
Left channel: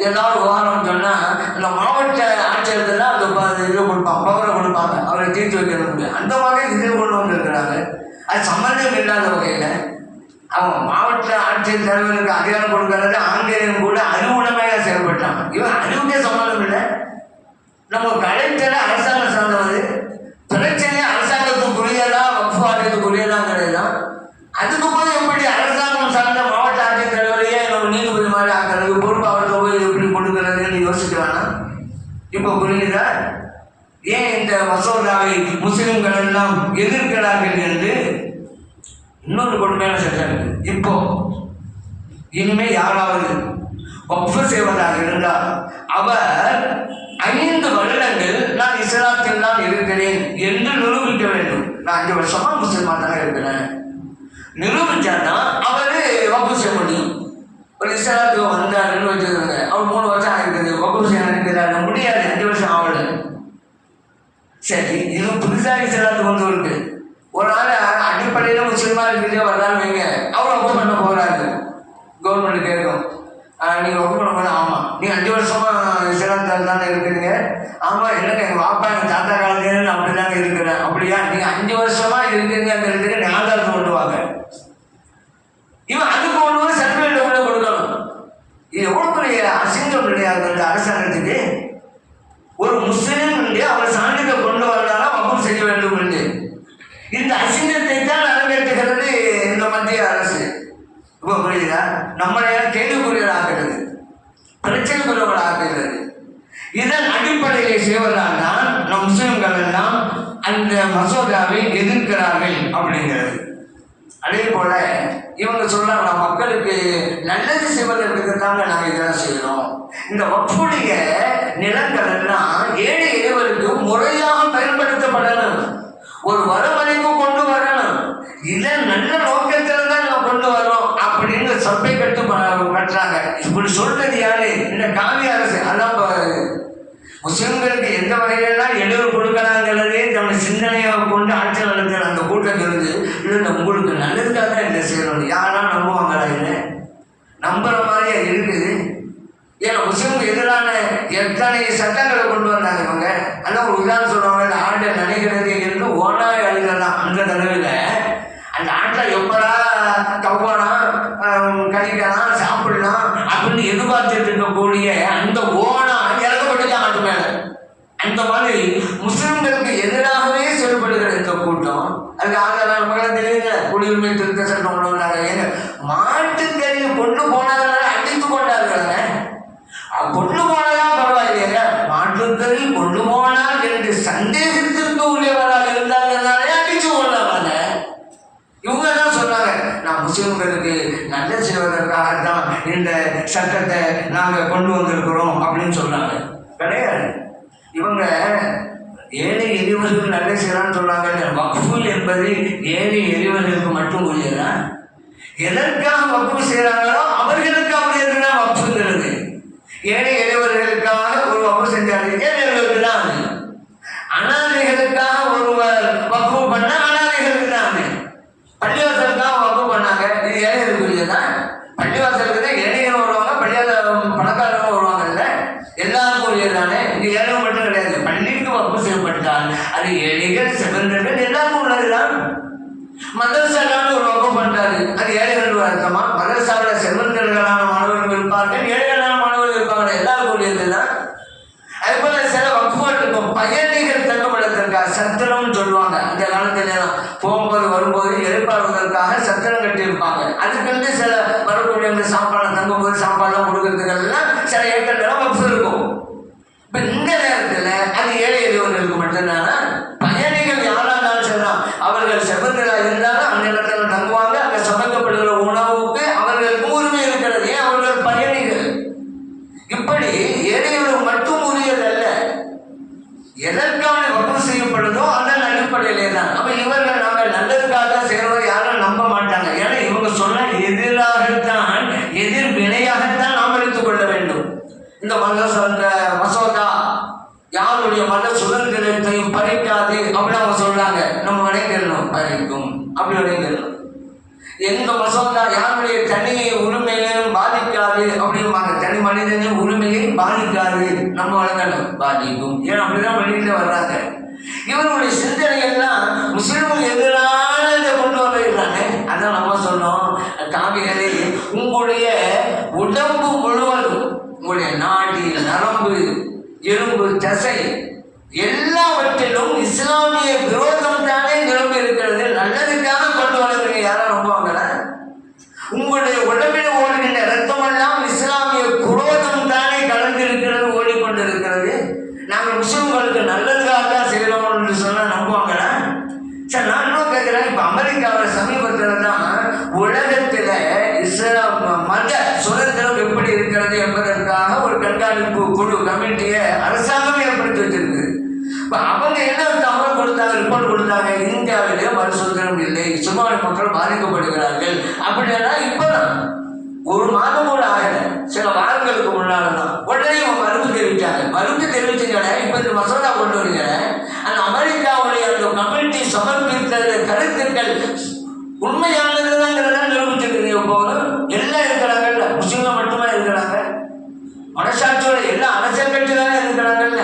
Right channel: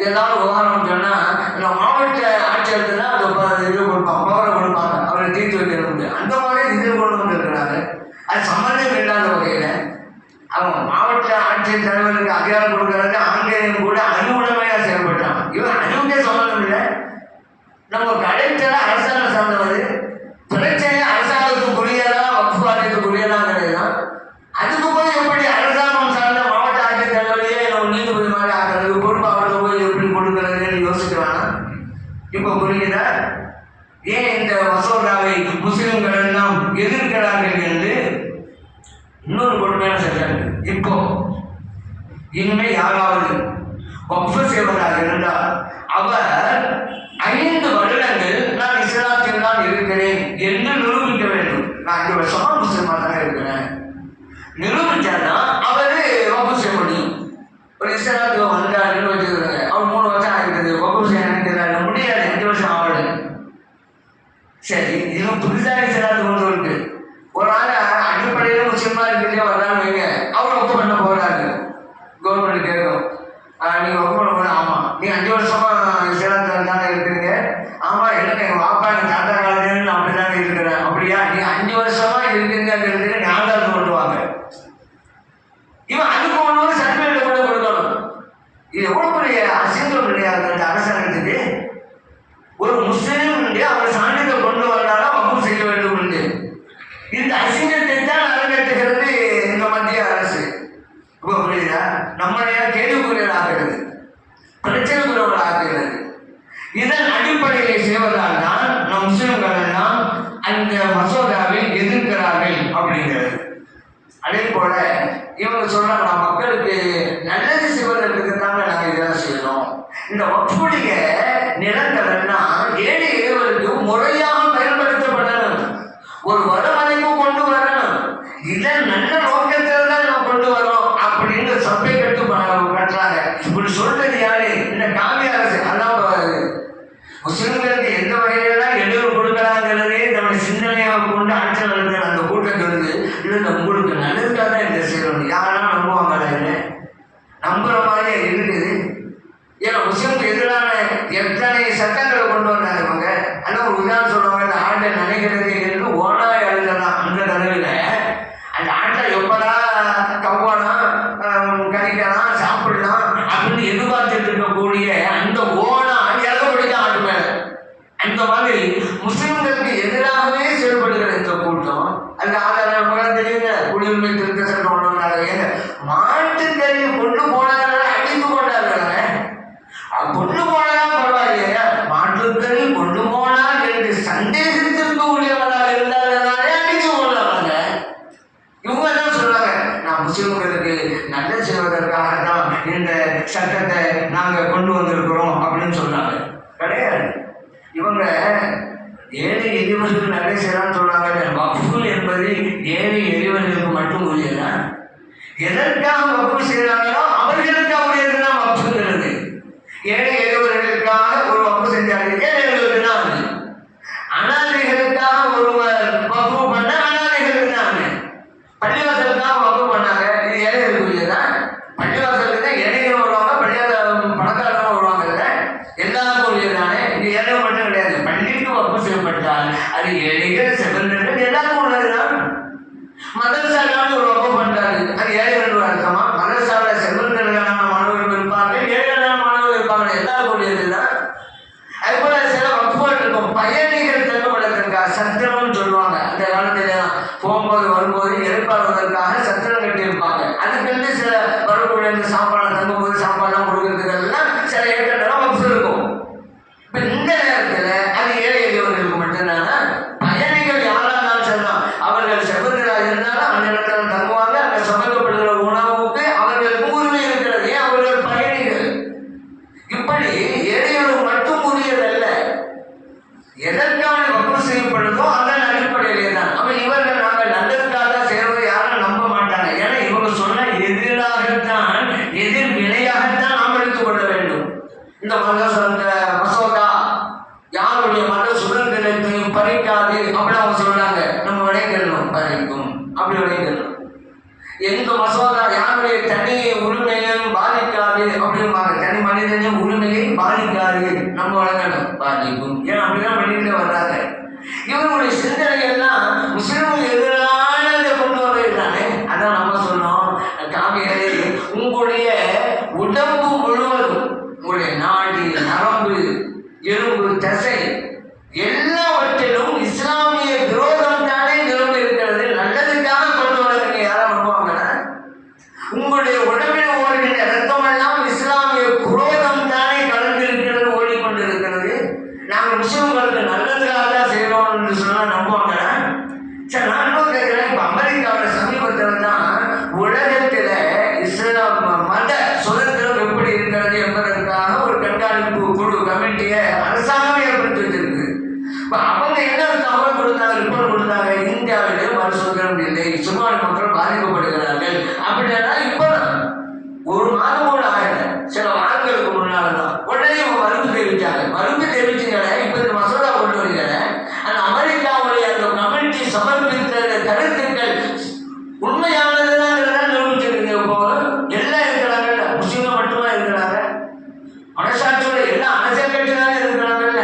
ஏதாவது விவகாரம் சொன்னா இந்த மாவட்ட ஆட்சியருக்கு தான் அந்த இது கொடுப்பாங்க, பவரை கொடுப்பாங்க, அவரை தீர்த்து வைக்க முடியும். அந்த மாதிரி இதில் கொண்டு வந்துருக்கிறாங்க. அது சம்பந்தம் இல்லாத வகையில அவன் மாவட்ட ஆட்சியர் தலைவருக்கு அதிகாரம் கொடுக்கறது ஆங்கிலேயன் கூட அறிவுடைமையா செயல்பட்டான். இவன் அறிவுக்கே சம்பந்தம் இல்லை. நம்ம கலெக்டரை அரசாங்கம் சார்ந்தவது. பிரச்சனையை அரசாங்கத்துக்குரியதா வக்ஃபு ஆலயத்துக்குரியதாங்கிறது தான். அதுக்கு போய் எப்படி அரசாங்கம் சார்ந்த மாவட்ட ஆட்சித்தலைவரையே நம்ம நீதிபதி மாதிரி ஆகிறது, பொறுப்பு அவருக்கு போய் எப்படி கொடுக்கறதுன்னு யோசிக்கிறானா? இப்போ புரியுதா ஏன் இந்த மசோதாவை முஸ்லிம்கள் எல்லாம் எதிர்க்கிறார்கள் என்று? இன்னொரு கொடுமையான சட்டம். இப்போ இனிமே யாராவது வக்ஃபு செய்வதாக இருந்தால் அவர் 5 வருடங்கள் நான் இஸ்லாத்தில் தான் இருக்கிறேன் என்று நிரூபிக்க வேண்டும். நான் 5 வருஷமா முஸ்லிமா தான் இருக்கிறேன் நிரூபிச்சாதான் அவரு வக்ஃபு செய்ய முடியும். ஒரு இஸ்லாத்துக்கு வந்தாருன்னு வச்சுக்கிறாங்க, அவர் 3 வருஷம் ஆகிருக்குது, வக்ஃபு செய்ய நினைக்கிறாரு, முடியாது, 5 வருஷம் ஆகல. சரி, இதுவும் புதுசாக இஸ்லாத்துக்கு வந்து இருக்கு. ஒரு ஆள் அடிப்படையில் முஸ்லிமா இருக்கிட்டே வர்றான்னு வைங்க, அவர் வக்ஃபு பண்ண போறாரு. கவர்மெண்ட் கேட்கும், நீங்க வக்ஃபு பண்ண போல. ஆமா, நீங்க 5 வருஷமா இஸ்லாத்தில் தானே இருக்கிறீங்க. ஆமா, இல்லைங்க, எங்க பாப்பா எங்க தாத்தா காலத்துல அப்படிதாங்க இருக்கிறேன். அப்படியா? நீங்க 5 வருஷமா இருக்கீங்கிறதுக்கு ஞாபகத்தை கொண்டுவாங்க. இவன் அதுக்கு ஒன்று சர்டிஃபிகேட் கூட கொடுக்கணும். இது எவ்வளவு பெரிய அசிங்கம் இல்லையா அந்த அரசாங்கத்துக்கு? ஒரு முஸ்லீம் அவர் சான்றிதழ் கொண்டு வந்தாலும் வக்ஃபு செய்ய வேண்டும் என்று. இந்த அசிங்கத்தை தான் அரங்கேற்றுகிறது இந்த மத்திய அரசு. இப்போ புரியுதா? நம்மளைய கேள்விக்குரியதாகிறது, பிரச்சனைக்குரியவர்களாகிறது. இதன் அடிப்படையை செய்வதால் தான் நம் முஸ்லிம்கள் எல்லாம் அந்த மசோதாவை எதிர்க்கிறார்கள் அப்படிங்கிறது. அதே போல இவங்க சொல்றாங்க, மக்களுக்கு நல்லது செய்வதற்கு தாங்க நாங்கள் இதெல்லாம் செய்யறோம். இந்த வக்ஃபுடைய நிலங்கள் எல்லாம் ஏழை இறைவருக்கு முறையாக பயன்படுத்தப்படணும், ஒரு வரமணிக்கு கொண்டு வரணும். இதை நல்ல நோக்கத்தில் தான் நான் கொண்டு வரோம் அப்படின்னு சபை கட்டுறாங்க. இப்படி சொல்றது யாரு? இந்த காவி அரசு. அதான் முஸ்லிம்களுக்கு எந்த வகையிலாம் இடையூறு கொடுக்கலாங்கிறதே நம்ம சிந்தனையாக கொண்டு ஆட்சி நடத்துகிற அந்த கூட்டம் இருந்து இல்லை உங்களுக்கு நல்லதுக்காக தான் இதை செய்யணும். யாரெல்லாம் நம்புவாங்களா? இல்லை நம்புற மாதிரியா இருக்குது. ஏன்னா முஸ்லிம்க்கு எதிரான எத்தனை சட்டங்களை கொண்டு வந்தாங்க இவங்க. அதான் ஒரு உதாரணம் சொல்லுவாங்க, இந்த ஆட்டை நினைக்கிறது இருந்து ஓனா எழுதலாம். அந்த தடவையில் அந்த ஆட்டை எப்படா கவ்வானா கழிக்கலாம் சாப்பிடலாம் அப்படின்னு எதிர்பார்த்துட்டு இருக்கக்கூடிய அந்த ஓனா இறக்கப்படுது ஆட்டு மேல. அந்த மாதிரி முஸ்லிம்களுக்கு எதிராகவே செயல்படுகிற இந்த கூட்டம். அதுக்கு ஆதாரம் தெரியல. குடியுரிமை திருத்த சட்டம் கொண்டு வந்தாங்க. மாட்டுக்கறியை கொண்டு போனாங்க, அடித்து கொண்டாங்க. கொண்டு போனதான் பரவாயில்லையா, மாட்டுக்கறி கொண்டு போனால் என்று சந்தேகத்திற்கு உரியவராக இருந்தாலே அடிச்சு கொண்டாங்க. இவங்க தான் சொன்னாங்க, நான் முஸ்லிம்களுக்கு நல்ல செய்வதற்காகத்தான் இந்த சட்டத்தை நாங்கள் கொண்டு வந்திருக்கிறோம் அப்படின்னு சொன்னாங்க. கிடையாது. இவங்க ஏழை எளிவர்களுக்கு நல்ல செய்யலாம்னு சொன்னாங்க. வக்ஃபு என்பது ஏழை எளிவர்களுக்கு மட்டும் உரியதா? எதற்காக வக்ஃபு செய்யறாங்களோ அவர்களுக்கு அப்படி இருக்குதான் வக்ஃபுங்கிறது. ஏழை எளிவர்களுக்காக ஒரு வக்ஃபு செஞ்சாங்க, ஏழைகளுக்கு தான் அது. அனாதைகளுக்காக ஒருவர் வக்ஃபு பண்ண அனாதைகளுக்கு தான் அது. பள்ளிவாசலுக்காக வக்ஃபு பண்ணாங்க, இது ஏழைகளுக்கு உரியதான். பள்ளிவாசலுக்கு தான் ஏழைகள் வருவாங்க, பணக்காரங்க வருவாங்கல்ல, எல்லாருக்கும் உரியதானே. இது ஏழைகள் மட்டும் கிடையாது. பள்ளிக்கு வக்ஃபு செய்யப்பட்டால் அது ஏழைகள் செல்வந்தர்கள் எல்லாருக்கும் உள்ளதுதான். மதரசாலான ஒரு வக்ஃபு பண்றாரு, அது ஏழைகள் அர்த்தமா? மதரசால செல்வந்தர்களான மாணவர்கள் இருப்பார்கள், ஏழைகளான மாணவர்கள் இருப்பாங்க, எல்லாருக்கும் உரியதுதான். அதுபோல சில வக்ஃபுகள் இருக்கும், பயணிகள் தங்குவதற்காக சத்திரம் சொல்லுவாங்க. அந்த காலத்துல போகும்போது வரும்போது எதிர்பார்ப்பதற்காக சத்திரம் கட்டி இருப்பாங்க. அதுக்கு சில வரக்கூடிய அந்த சாப்பாடு தங்கும்போது சாப்பாடுலாம் கொடுக்கறதுக்கெல்லாம் சில ஏக்கெல்லாம் வக்ஃபு இருக்கும். இப்ப இந்த நேரத்துல அது ஏழை எளியவர்களுக்கு மட்டும்தானா? பயணிகள் யாரா இருந்தாலும் சொல்லலாம், அவர்கள் செல்வந்தர்களாக இருந்தாலும் அந்த இடத்துல தங்குவாங்க. அங்க சமைக்கப்படுகிற உணவுக்கு அவர்களுக்கு உரிமை இருக்கிறது. ஏன்? அவர்கள் பயணிகள். இப்படி ஏழையவர் மட்டும் உரியதல்ல, எதற்கான வக்ஃபு செய்யப்படுதோ அதன் அடிப்படையிலே தான். அப்ப இவர்கள் நாங்கள் நல்லதுக்காக தான் செய்யறோம் யாரும் நம்ப மாட்டாங்க. ஏன்னா இவங்க சொன்ன எதிராகத்தான், எதிர் வினையாகத்தான் நாம் எடுத்துக் கொள்ள வேண்டும். இந்த மசோதா யாருடைய மத சுதந்திரத்தையும் பறிக்காது அப்படின்னு அவங்க சொல்றாங்க. நம்ம விளைஞர்களும் பறிக்கும், அப்படி விளைஞர்களும். எங்க மசோதா யாருடைய தனி உரிமையையும் பாதிக்காது அப்படிம்பாங்க. தனி மனிதனின் உரிமையை பாதிக்காது, நம்ம வழங்கணும் பாதிக்கும். ஏன் அப்படிதான் வெளியில வர்றாங்க. இவருடைய சிந்தனை எல்லாம் முஸ்லிமுக்கு எதிரானதை கொண்டு வர்றதுதானே. அதான் நம்ம சொன்னோம், காவிகளே உங்களுடைய உடம்பு முழுவதும், உங்களுடைய நாடி நரம்பு எலும்பு தசை எல்லாவற்றிலும் இஸ்லாமிய விரோதம் தானே நிரம்பி இருக்கிறது. நல்லதுக்காக கொண்டு வரதுங்க யாரும் நம்புவாங்களா? உங்களுடைய உடம்பில் ஓடுகின்ற ரத்தம் எல்லாம் இஸ்லாமிய குரோதம் தானே கலந்திருக்கிறது, ஓடிக்கொண்டிருக்கிறது. நாங்கள் முஸ்லிம்களுக்கு நல்லதுக்காக தான் செய்யணும் என்று சொன்னா நம்புவாங்களா? சரி, நான் இன்னும் கேட்கிறேன். இப்ப அமெரிக்காவோட சமீபத்தில் தான் உலகத்துல இஸ்லாம் மத சுதந்திரம் எப்படி இருக்கிறது என்பதற்காக ஒரு கண்காணிப்பு குழு கமிட்டியை அரசாங்கம் ஏற்படுத்தி வச்சிருக்கு. அவங்க என்ன தகவல் கொடுத்தாங்க, ரிப்போர்ட் கொடுத்தாங்க, இந்தியாவிலே மத சுதந்திரம் இல்லை, சிறுபான்மை மக்கள் பாதிக்கப்படுகிறார்கள் அப்படின்னா இப்பதான் ஒரு மாதம் கூட ஆகல, சில வாரங்களுக்கு முன்னால்தான் உடனே மறுப்பு தெரிவிச்சாங்க. மறுப்பு தெரிவிச்சுங்களே, இப்ப இந்த மசோதா கொண்டு வரீங்க. அந்த அமெரிக்காவுடைய அந்த கமிட்டி சமர்ப்பித்த கருத்துக்கள் உண்மையானதுதான் நிரூபிச்சிருக்கீங்க. போதும் எல்லாம் இருக்கிறாங்கல்ல, முஸ்லிம்கள் மட்டுமே இருக்கிறாங்க, மனசாட்சியோட எல்லா அரசியல் கட்சிகளாக இருக்கிறாங்கல்ல.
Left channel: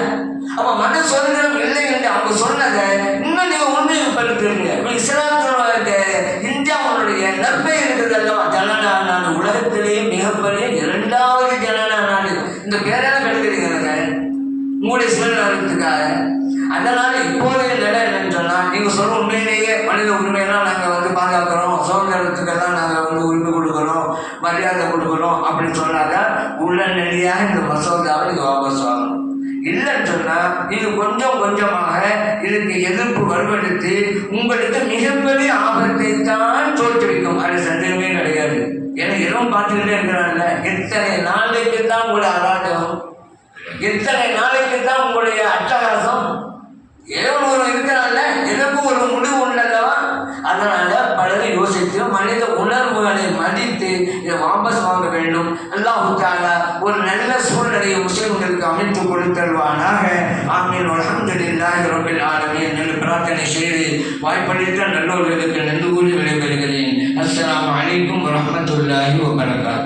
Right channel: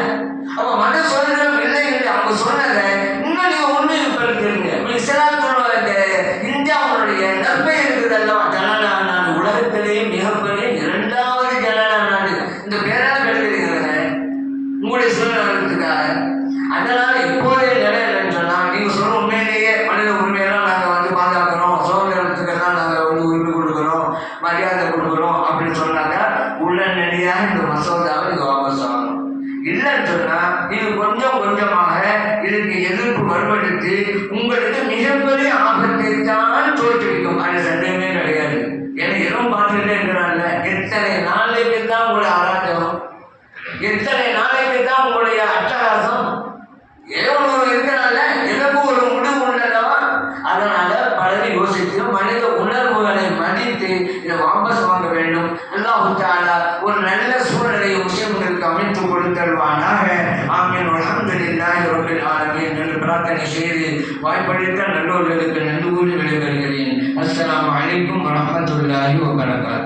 அப்ப மத சுதந்திரம் இல்லை என்று அவங்க சொன்னதை இன்னும் நீங்க உண்மையை படுத்துருங்க. இஸ்லாம் சொல்வாங்க, இந்தியாவுடைய நன்மை இருக்குது அல்லவா, ஜனநாயக நாடு, உலகத்திலேயே மிகப்பெரிய 2வது ஜனநாயக நாடு. இந்த பேரான கருத்துக்கிறாங்க உங்களுடைய சுதந்திரத்துக்காக. அதனால இப்போதைய நிலை என்னன்னு சொன்னா, நீங்க சொல்ற உண்மையிலேயே மனித உரிமையெல்லாம் நாங்க பாதுகாக்கிறோம், சுதந்திரத்துக்கெல்லாம் நாங்க உரிமை கொடுக்கணும், மரியாதை கொடுக்கணும் அப்படின்னு சொன்னாங்க. உடனடியாக இந்த மசோதாவை இது வாபஸ் ஆகும். இல்லைன்னு சொன்னா இது கொஞ்சம் கொஞ்சமாக இதுக்கு எதிர்ப்பு வலுப்படுத்தி உங்களுக்கு மிகப்பெரிய ஆபத்தை தான் தோற்றுவிக்கும். அது சந்தேகமே கிடையாது. ஏன்னா எதுவும் பார்த்துக்கிட்டே இருக்கிறாங்கல்ல, எத்தனை நாளைக்கு தான் உங்களுடைய அராஜகம், எத்தனை நாளைக்கு தான் உங்களுடைய அட்டகாசம். அதை யோசித்து மனித உணர்வுகளை மதித்து இதை வாபஸ் வாங்க வேண்டும். அல்லாஹ் தஆலா ஒரு நல்ல சூழ்நிலையை முஸ்லிம்களுக்கு அமைத்து கொடுத்தல்வானாக. ஆமீன். அல்ஹம்துலில்லாஹி ரப்பில் ஆலமீன் என்று பிரார்த்தனை செய்து வாய்ப்பளித்த நல்லோர்களுக்கு நன்றி கூறி விடைபெறுகிறேன். அஸ்ஸலாமு அலைக்கும் வரஹ்மத்துல்லாஹி வபரகாத்துஹு.